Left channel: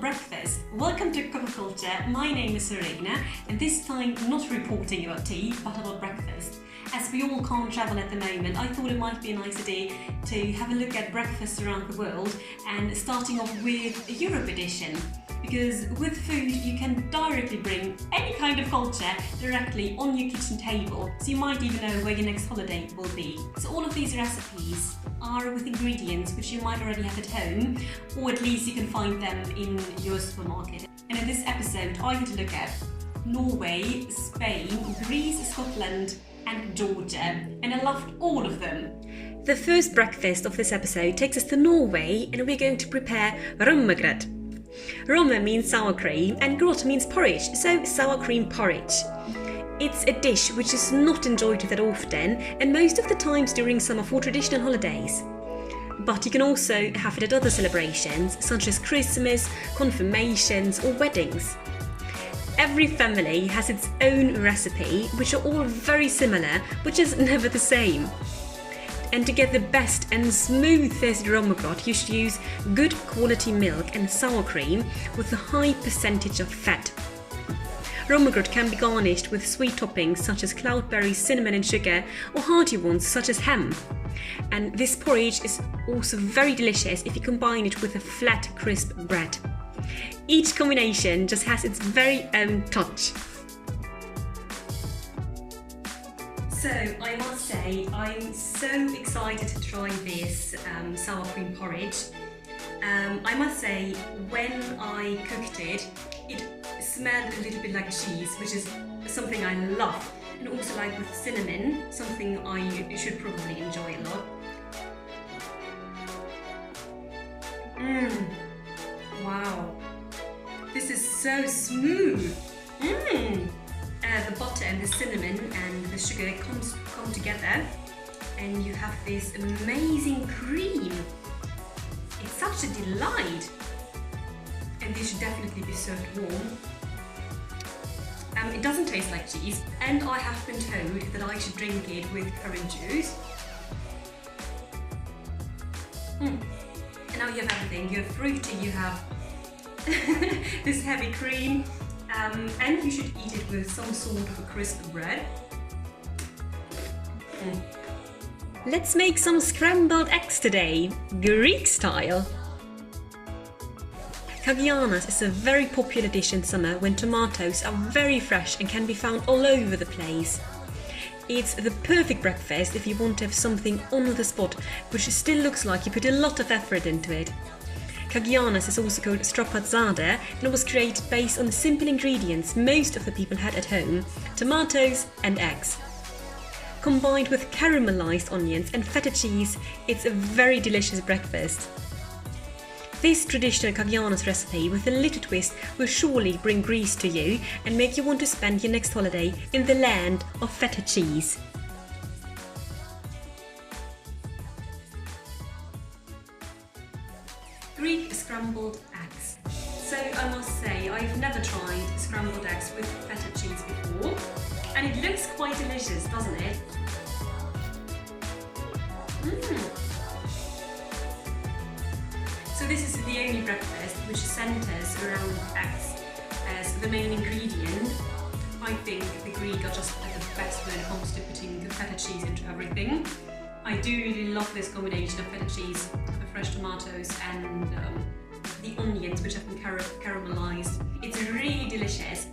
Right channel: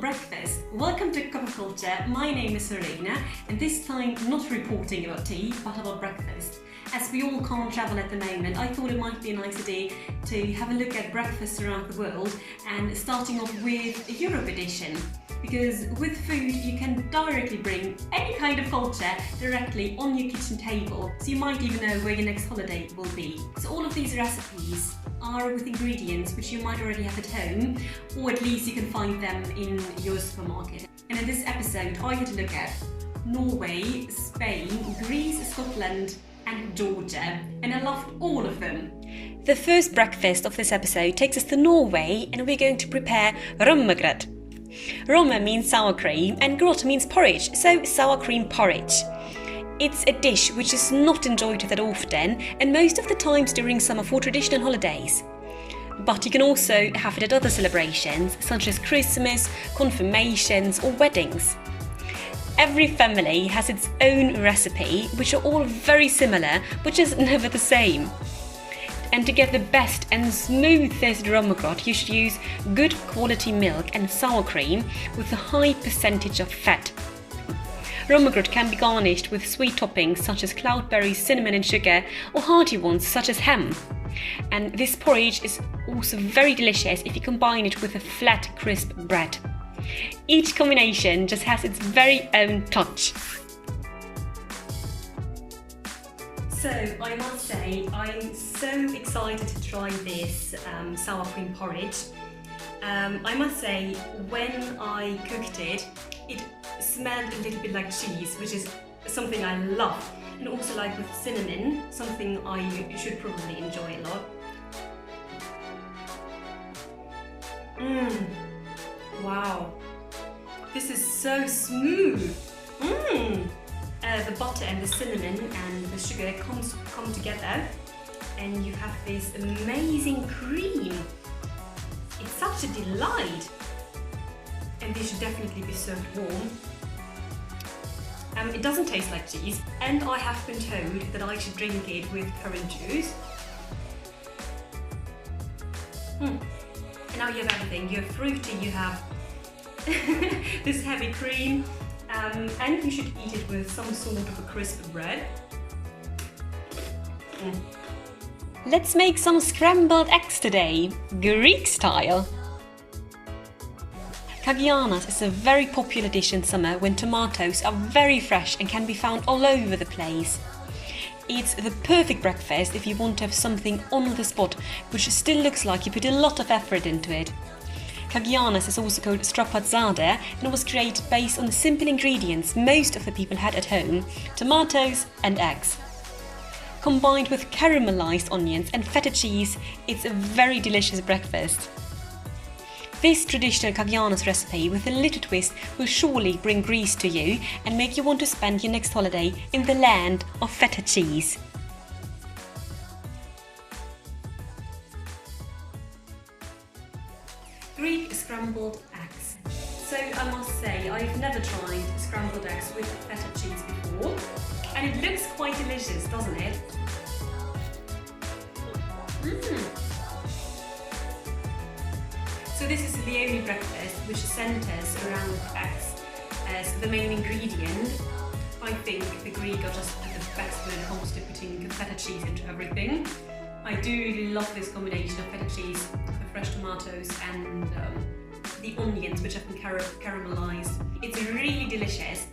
breakfast. Welcome to Coffee Culture. My name is Sarena, and this time not reporting about tea, but about breakfast. As we all can't travel at the moment, I thought it might be a nice idea to have a look at breakfasts around the world, and starting off with a Europe edition. Because with food, you can directly bring any kind of culture directly on your kitchen table, so you might even know where your next holiday will be. So all of these recipes are with ingredients which you might already have at home, or at least you can find them in your supermarket. And in this episode, I get to look at Norway, Spain, Greece, Scotland, and Georgia, and I loved all of them. The first breakfast of this episode takes us to Norway, and we're going to prepare Rommegrot. Romme means sour cream and grot means porridge, so sour cream porridge. It's a dish which is not enjoyed that often, and most of the times during summer for traditional holidays. But you can also have it at other celebrations such as Christmas, confirmations or weddings. Every family has its own recipe, which are all very similar but just never the same. And to get the best and smoothest Rommegrot, you should use good quality milk and sour cream with a high percentage of fat. Rommegrot can be garnished with sweet toppings such as cloudberries, cinnamon and sugar, or hearty ones such as ham. And this porridge is also very delicious if you combine it with a flat, crisp bread. Each combination just has its very own touch. So I must say, I'm so excited to try this sour cream porridge. I must say, when I cooked it, it smelled a little bit like cheese, which is something I love. And also like with cinnamon, something I should probably enjoy a lot. Wow, this is so smooth. The butter and the cinnamon and the sugar come together, and you have this amazing cream. It's such a delight, and this should definitely be served warm. It doesn't taste like cheese, and I have been told that I should drink it with orange juice. And now you have everything. You have fruity, you have this heavy cream. And you should eat it with some sort of a crisp bread. Let's make some scrambled eggs today, Greek style. Kagianas is a very popular dish in summer when tomatoes are very fresh and can be found all over the place. It's the perfect breakfast if you want to have something on the spot, which still looks like you put a lot of effort into it. Kagianas is also called strapazzada and was created based on the simple ingredients most of the people had at home: tomatoes and eggs. Combined with caramelized onions and feta cheese, it's a very delicious breakfast. This traditional Kagianas recipe with a little twist will surely bring Greece to you and make you want to spend your next holiday in the land of feta cheese. Greek scrambled eggs. So I must say, I've never tried scrambled eggs with feta cheese before, and it looks quite delicious, doesn't it? So this is the only breakfast which centres around eggs as the main ingredient. I think the Greek are just the best when it comes to putting feta cheese into everything. I do really love this combination of feta cheese, the fresh tomatoes and the onions which have been caramelized. It's really delicious.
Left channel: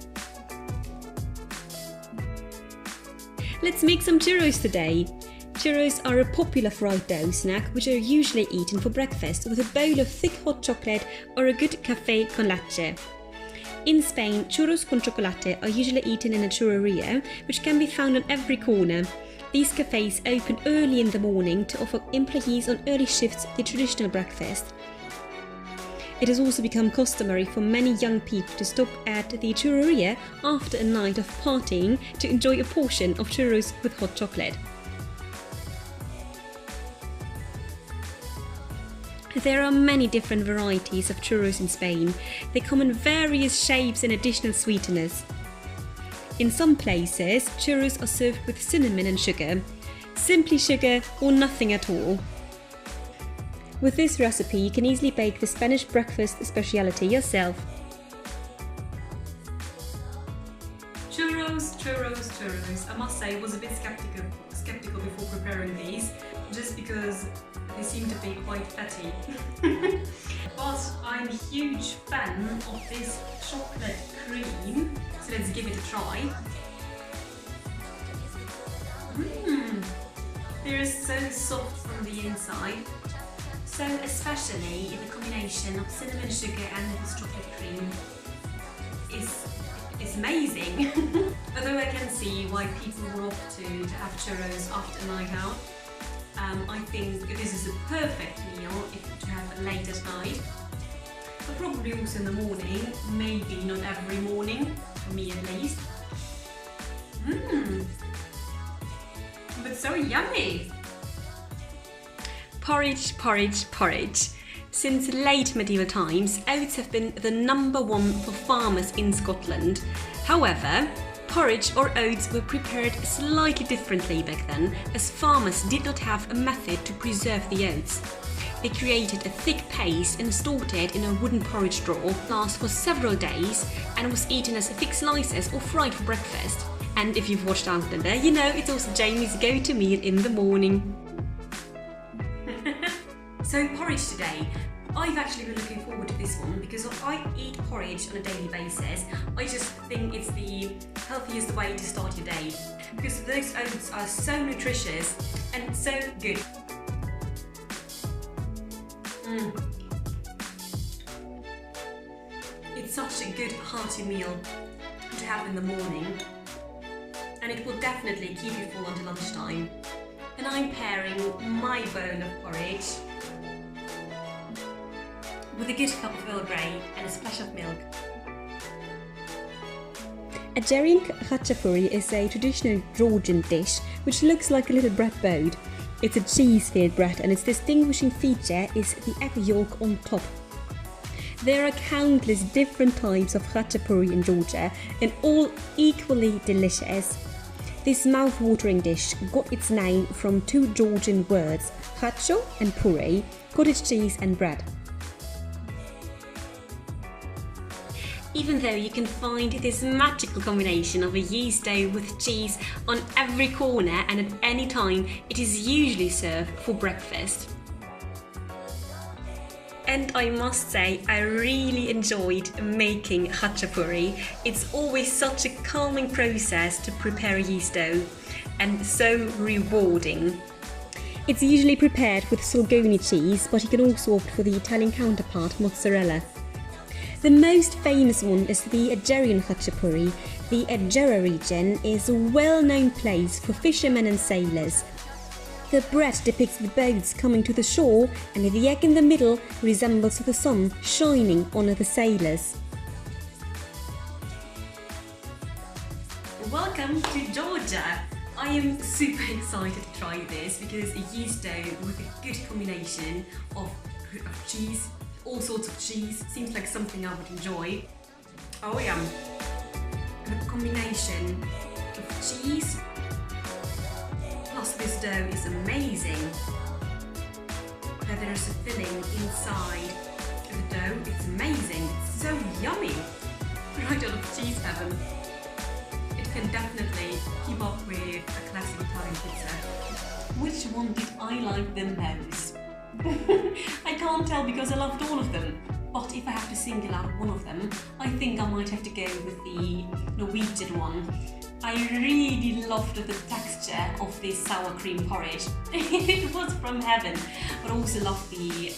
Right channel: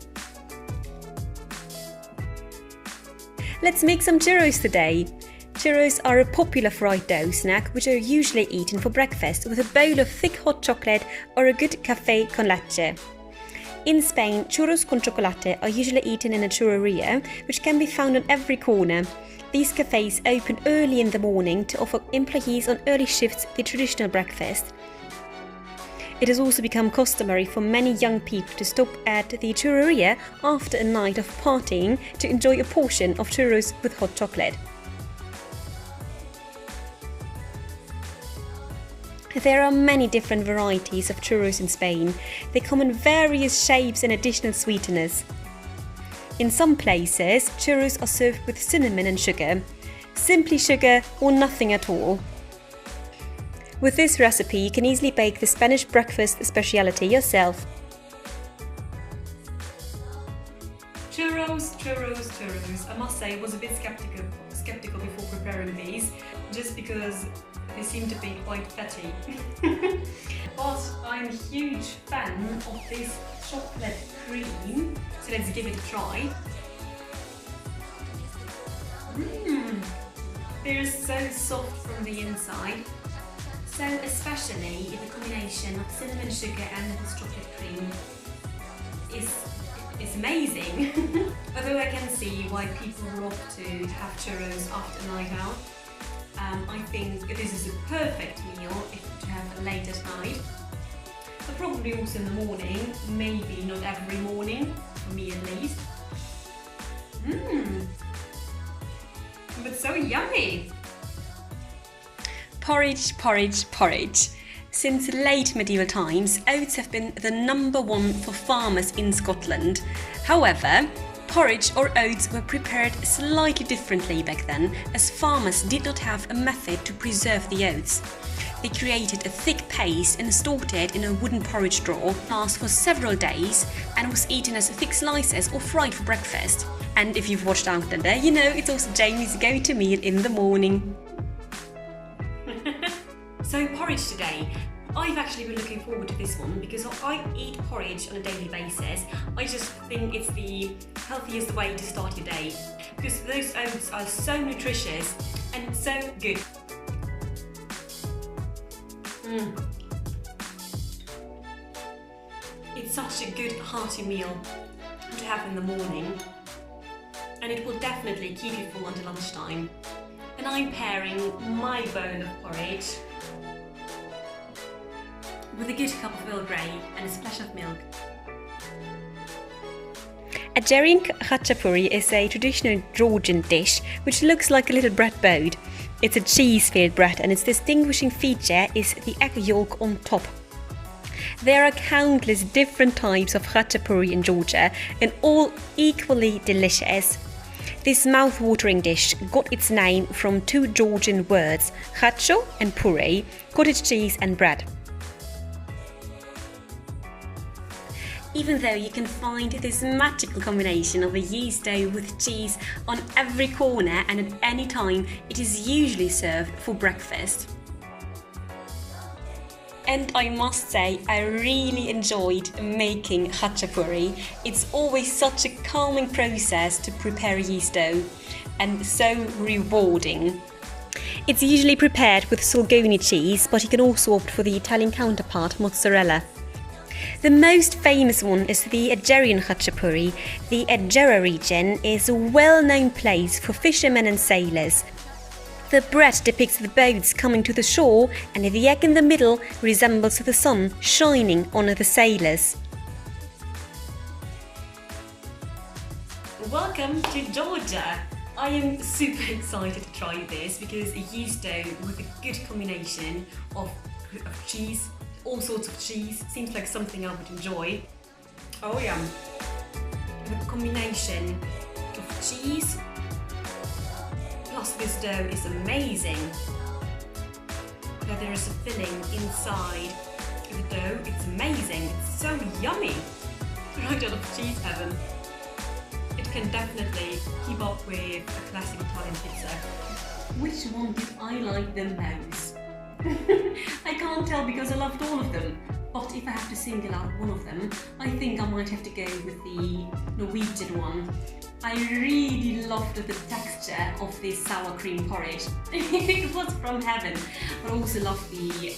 Let's make some churros today. Churros are a popular fried dough snack which are usually eaten for breakfast with a bowl of thick hot chocolate or a good café con leche. In Spain, churros con chocolate are usually eaten in a churreria, which can be found on every corner. These cafes open early in the morning to offer employees on early shifts the traditional breakfast. It has also become customary for many young people to stop at the churreria after a night of partying to enjoy a portion of churros with hot chocolate. There are many different varieties of churros in Spain. They come in various shapes and additional sweeteners. In some places, churros are served with cinnamon and sugar, simply sugar or nothing at all. With this recipe, you can easily bake the Spanish breakfast speciality yourself. Churros, churros, churros. I must say I was a bit skeptical before preparing these, just because they seem to be quite fatty. But I'm a huge fan of this chocolate cream, so let's give it a try. They're so soft from the inside. So especially the combination of cinnamon sugar and this chocolate cream is amazing. Although I can see why people would opt to have churros after a night out. I think this is a perfect meal to have late at night. But probably also in the morning, maybe not every morning, for me at least. But so yummy! Porridge, porridge, porridge. Since late medieval times, oats have been the number one for farmers in Scotland. However, porridge or oats were prepared slightly differently back then, as farmers did not have a method to preserve the oats. They created a thick paste and stored it in a wooden porridge drawer, lasts for several days and was eaten as thick slices or fried for breakfast. And if you've watched Outlander, you know it's also Jamie's go-to meal in the morning. So porridge today. I've actually been looking forward to this one because I eat porridge on a daily basis. I just think it's the healthiest way to start your day because those oats are so nutritious and so good. It's such a good hearty meal to have in the morning, and it will definitely keep you full until lunchtime. And I'm pairing my bowl of porridge with a good cup of Earl Grey and a splash of milk. A Georgian Khachapuri is a traditional Georgian dish which looks like a little bread boat. It's a cheese-filled bread and its distinguishing feature is the egg yolk on top. There are countless different types of Khachapuri in Georgia and all equally delicious. This mouth-watering dish got its name from two Georgian words, khacho and puri, cottage cheese and bread. Even though you can find this magical combination of a yeast dough with cheese on every corner and at any time, it is usually served for breakfast. And I must say, I really enjoyed making khachapuri. It's always such a calming process to prepare a yeast dough and so rewarding. It's usually prepared with Sorgoni cheese, but you can also opt for the Italian counterpart, mozzarella. The most famous one is the Georgian Khachapuri. The Egera region is a well-known place for fishermen and sailors. The bread depicts the boats coming to the shore, and the egg in the middle resembles the sun shining on the sailors. Welcome to Georgia! I am super excited to try this because a yeast dough with a good combination of cheese, all sorts of cheese, seems like something I would enjoy. Oh yeah, the combination of cheese plus this dough is amazing. Where there is a filling inside the dough, it's amazing, it's so yummy. Right out of cheese heaven. It can definitely keep up with a classic Italian pizza. Which one did I like the most? I can't tell because I loved all of them, but if I have to single out one of them, I think I might have to go with the Norwegian one. I really loved the texture of this sour cream porridge. It was from heaven, but I also loved the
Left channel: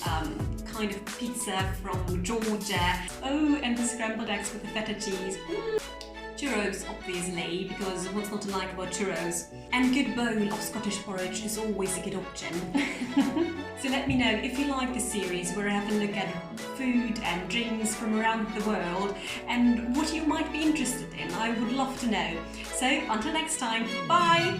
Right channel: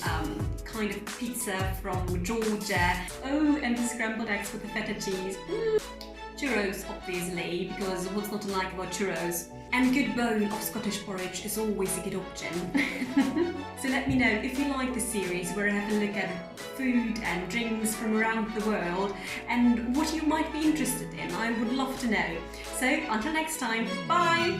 kind of pizza from Georgia. Oh, and the scrambled eggs with the feta cheese. Churros, obviously, because what's not to like about churros? And a good bowl of Scottish porridge is always a good option. So let me know if you like this series where I have a look at food and drinks from around the world and what you might be interested in. I would love to know. So until next time, bye!